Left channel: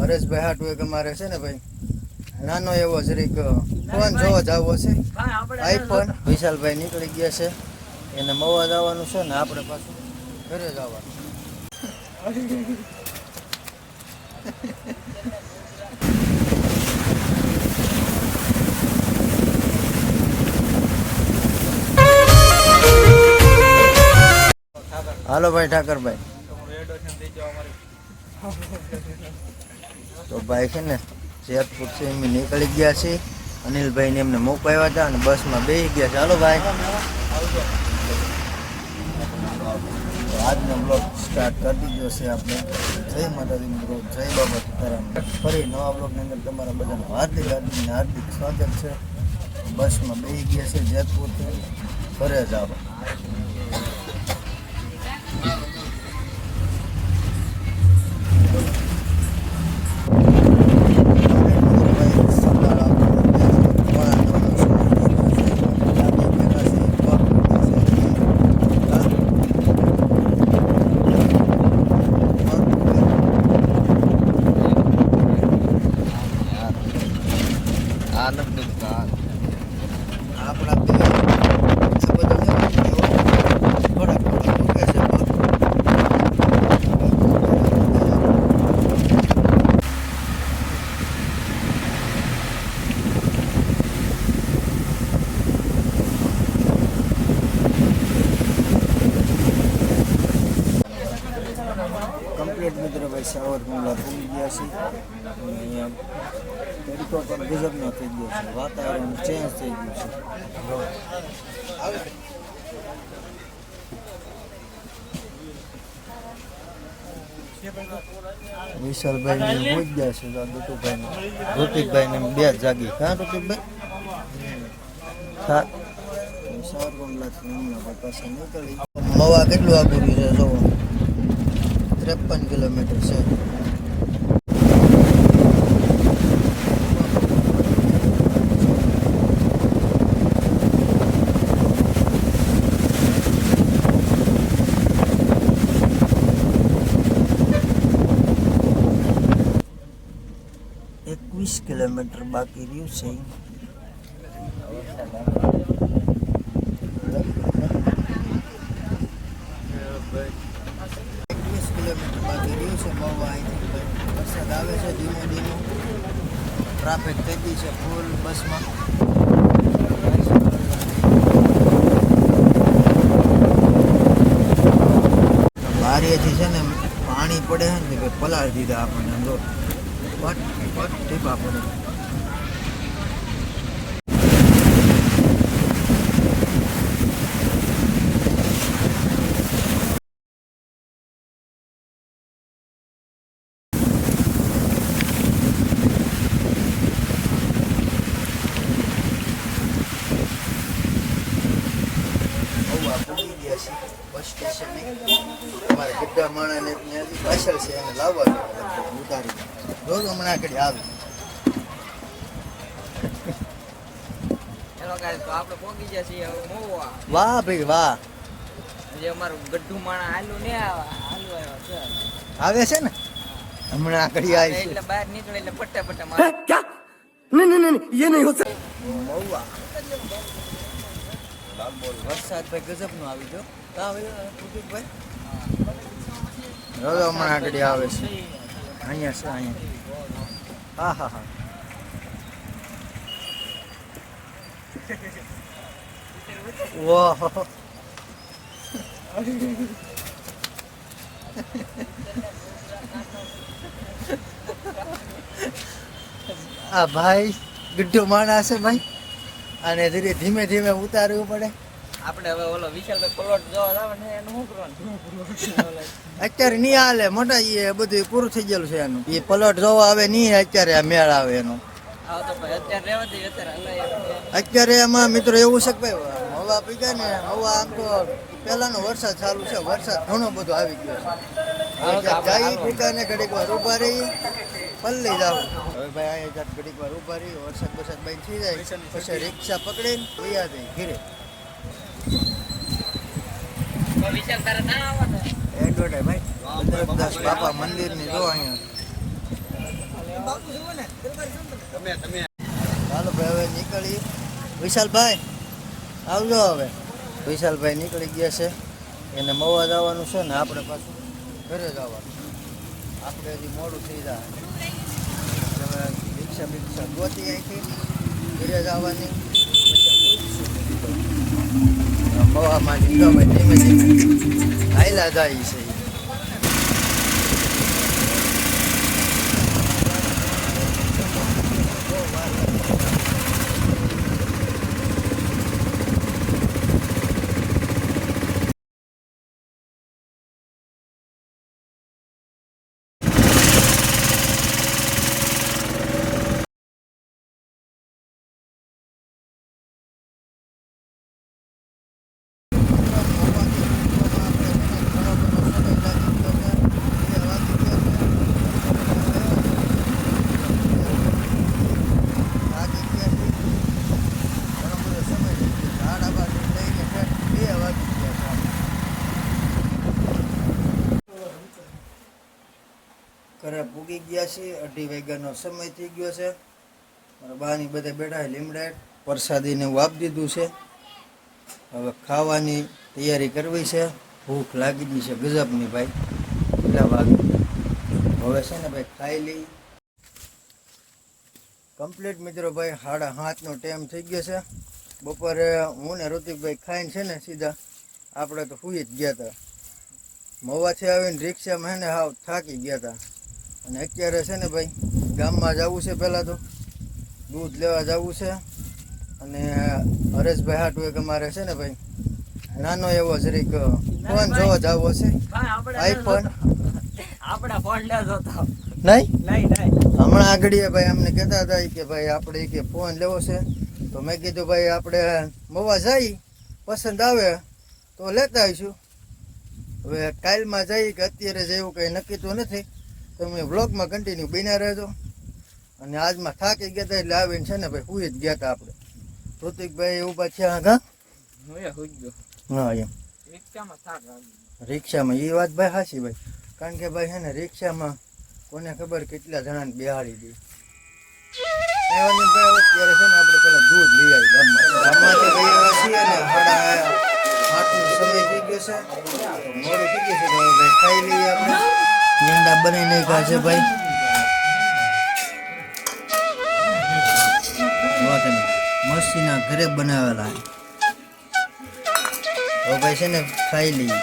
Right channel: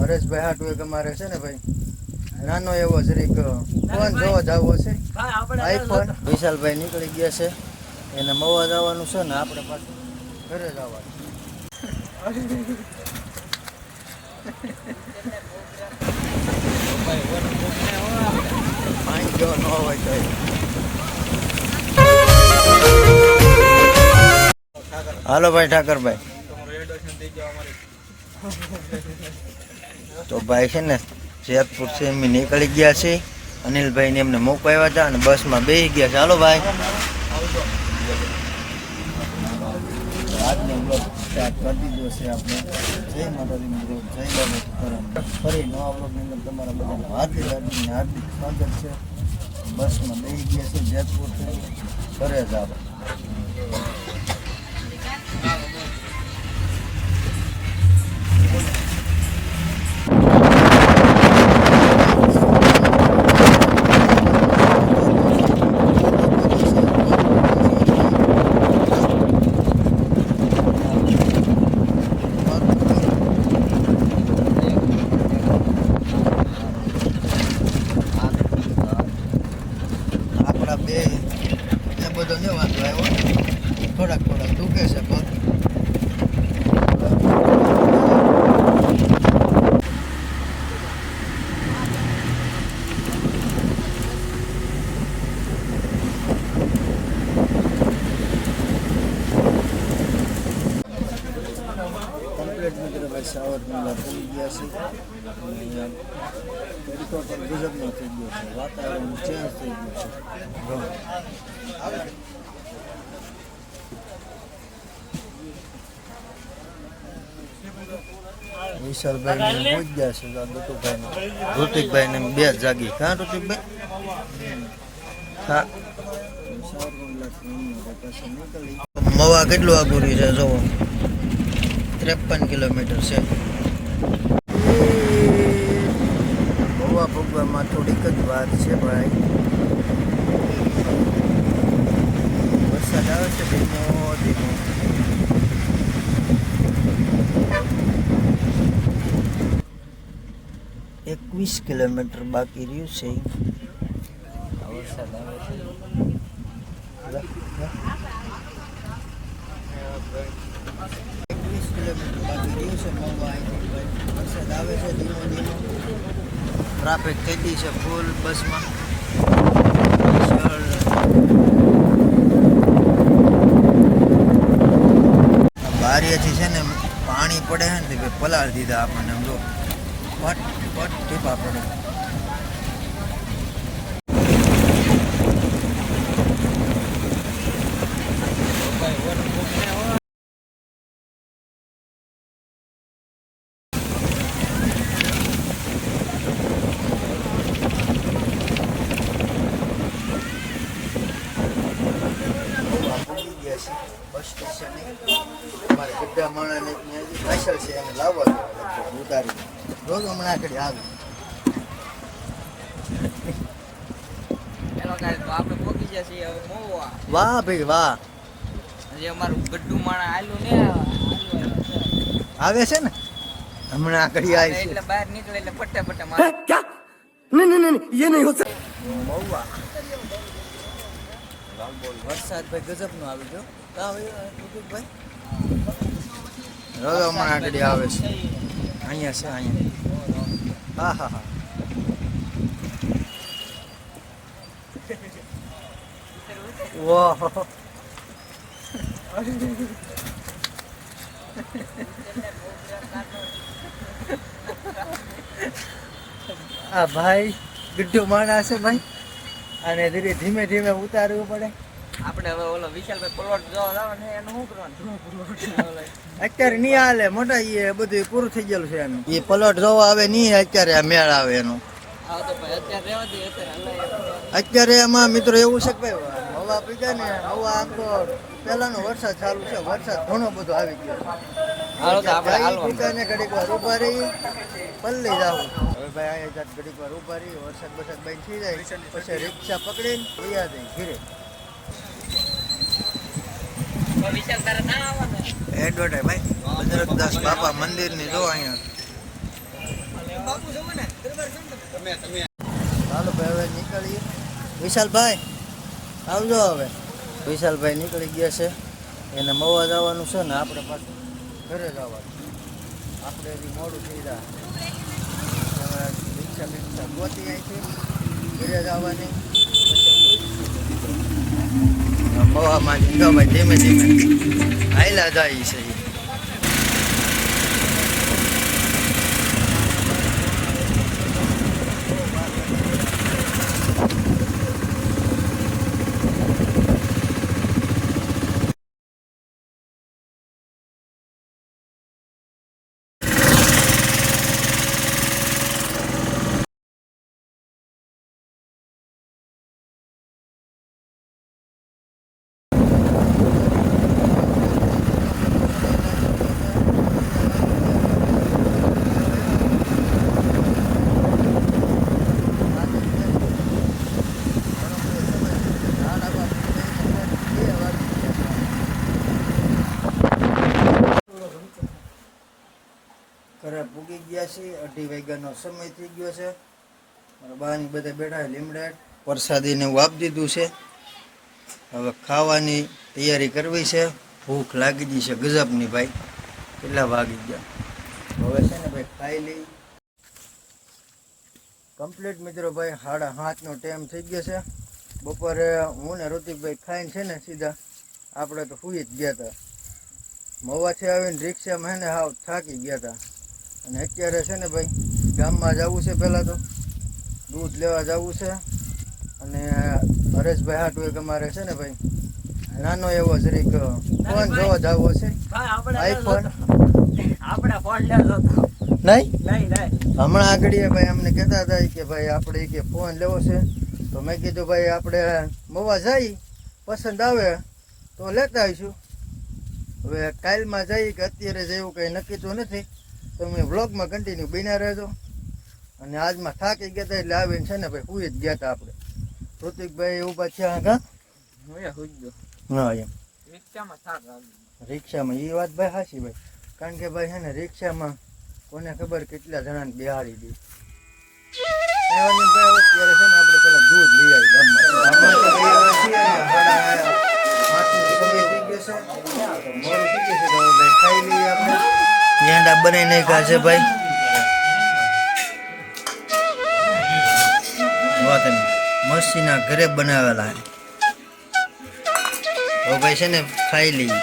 હરેશભાઈ હાટુ એક અમારે છે ને ભાઈ નાનો એવો જરીક ફોન જોવા જવો છે, આઈફોન. વિશાલભાઈ નીકળી ગયા છે, એને મવા જવાનું છે ને આપણે પાછું ઘરે જવાનું. હાલો ભાઈ ઠાકરભાઈ. તો ભાઈ છે ને જેતપુર થી એમ નીકળી ગયા છે. અનિલભાઈ ને એમને મોકવાયા હતા અને બસમાં બેસી ગયા છે. હાલો ભાઈ, આજનો બ્લોગ સ્ટાર્ટ કરી દીધો છે આપણે. જય માતાજી મિત્રો, જય બાબા સીતારામ. ફરી નવા બ્લોગની અંદર તમારા બધાનું હાર્દિક સ્વાગત છે. બસમાં બેસી ગયા છે જેતપુરથી ઘરે જવા. મિત્રો ભાઈ સાવરકુંડલા પહોંચી ગયા છે. તરીકો પણ ગજબનો થઈ ગયો છે, વાતાવરણ ચેન્જ થઈ ગયું છે. વિશાલભાઈ ને પહોંચી ગયા છે, દતુભાઈ ને ઋતિકભાઈ ને બે જાગી. હા ઋતિકભાઈ, સાવરકુંડલા પાછા નીકળી. મવા કેટલું આગળ છે જોવો, 53 કિલોમીટર છે. ગોવા પગવામાં થોડીક જ વાત છે ભાઈ. વરસાદ આવે છે 21 કિલોમીટર બાકી રહ્યું છે. 21 કિલોમીટર બાકી રહ્યું છે મવા અહીંથી ભાઈ. વરસાદ આવે છે ધીમો ધીમો. ટ્રાફિક થઈ ગઈ છે ફૂલ બસમાં. બારીએથી છે ને પાણી પડે છે ને ભાઈ, પલાળ દીધા આપણને. જો પટ પટ ટીપા પડે. બસ સ્ટેશન અમારે બધા માણસને પાછળ છે, એને લાવવા ઉતારી રોજ હમણાં આગળ આવી. આપણે પોગી ગયા છીએ મોવા. વાહ ભાઈ વાહ, જે અમારું ગड्ढू માણા આલુ ને આવે છે ને હમણાં આગળ આવી એટલે બહાર નીકળે એટલે પટ્ટા પટ્ટા મારે. क्या नहीं ये नहीं हो सकता. મવા વરસાદ ભાઈ ગજબ નો આવી ગયો. ભાઈ રોજ હમણાં આગળ આવે છે. અહીંયા છે, અહીંયા. હા હા હા. વાહ આ ભાઈ ગड्ढू માણસ છે ભાઈ, અને ધીમે ધીમે ઉતારવું પડે. આપણે હવે ઓલો વિશાલભાઈ પ્લોટ જોવા જવાનું છે, એનું શું કરવાનું? અત્યારે નહીં હાલે મોટા, એ બધું પૂરું થઈ ગયેલું છે એનું. એ પ્લોટ જોવા આવે નહીં અત્યારે, આ મેળ આવે એનું. અત્યારે એમાં મિત્રો એવું છે કે ભાઈ મવા પીગા ને મવા આમ તો પહેલાનો વરસાદ ચાલુ છે, વરસાદ ઘણો બધો આવી ગયો છે. જઈ દુકાને ઘડીક વાર ઉભા રહી, પલ્લી જાવ. હવે ભાઈ અહીંયા ઘડીક વાર ઉભા રહી, વરસાદ બંધ થઈ જાય પછી રિક્ષા પકડીને વયા જઈ ઘીરે. એડવર્ટાઈઝ ભાઈ બજરંગદાસ બાપા મંદિરની જો અહીંયા ચાલો ભાઈ હવે નીકળીએ. વિશાલભાઈ આવજો હવે. વિશાલભાઈ નીકળી ગયા છે, એને મવા જવાનું છે ને આપણે પાછું ઘરે જવાનું. આપણે હજી મોડું થઈ જાય હવે રિક્ષા ગોતી અહીંથી ઘરે જવાની પછી મવામાં જીગા ભાઈ ધીમે ધીમે હાયલા જાય છે. ઘરે પૂગી ગયા છે. 2:30 વાગ્યાનો સમય થઈ ગયો છે. મારા બાની બધા બેઠા લીમડા પ્રસાદીને એવું આપી દીધું છે. હવે ખાવાની તૈયારી કરવી છે. ભૂખ લાગી ગઈ છે ગજબની ભાઈ. કેટલા વાગી ગયા હવે છે ને ભાઈ ખાઈ લઈ કમ્પ્લીટ મિત્રો ભાઈ. 7:30નો ટાઈમ થઈ ગયો છે. બપોરે હું ને ઋતિકભાઈ ખાઈને છે ને સીધા આપણે તો સુઈ જ ગયા હતા. મવાથી આવીને રિક્ષામાં હે ને હાવ થાકી ગયા હતા. અને અત્યારે છે ને ભાઈ ગામમાં જવું છે. પહેલાં તો દૂધ લેવા જવું છે. અને હરેશભાઈ હાટું એક અમારે છે ને ભાઈ નાનો એવો જરીક ફોન જોવા જવો છે. આઈફોન આપણે ફોન લેવો હતો નહીં નહીં હમણાં આગળ ભાઈ અમને કહેતા હતા કે ભાઈ આપણે કે ફોન લેવો છે. તો મેં કીધું ભાઈ આપણે મવા જઈ પસંદ આવે તો લેતા આવીશું. હવે કાલમાં જઈ કે અત્યારે જેવું કંઈ નક્કી તો નથી. તમે વ્લોગમાં કન્ટિન્યુ બન્યા રહેજો. અને આજમાં થાકી ગયા હતા એટલે આવીને છે ને ભાઈ સુઈ જ ગયા હતા આપણે. ઋતિકભાઈ ઊભા થયા આગળ. હા એમ રિક્ષામાં એ વાત ભાઈ સાચી ભાઈ. કારણ કે ભાઈ છે ને રિક્ષામાં કોને ખબર કેટલા જણાને બેહાડી દે. અત્યારે છે ને આપણે પેલા દૂધ લઈ આવી ગામમાં તો ભાઈ હવે છીએ ને 7:30નો સમય થઈ ગયો છે. તો મોડું થઈ ગયું છે તો હવે ભાઈ ખાઈ લઈએ આપણે. ઈંડા બનાવી નાખ્યા છે ભાઈ. મસ્તીના ઘરે બનાવેલા. હવે ભાઈ છે ને ખાઈ લઈએ.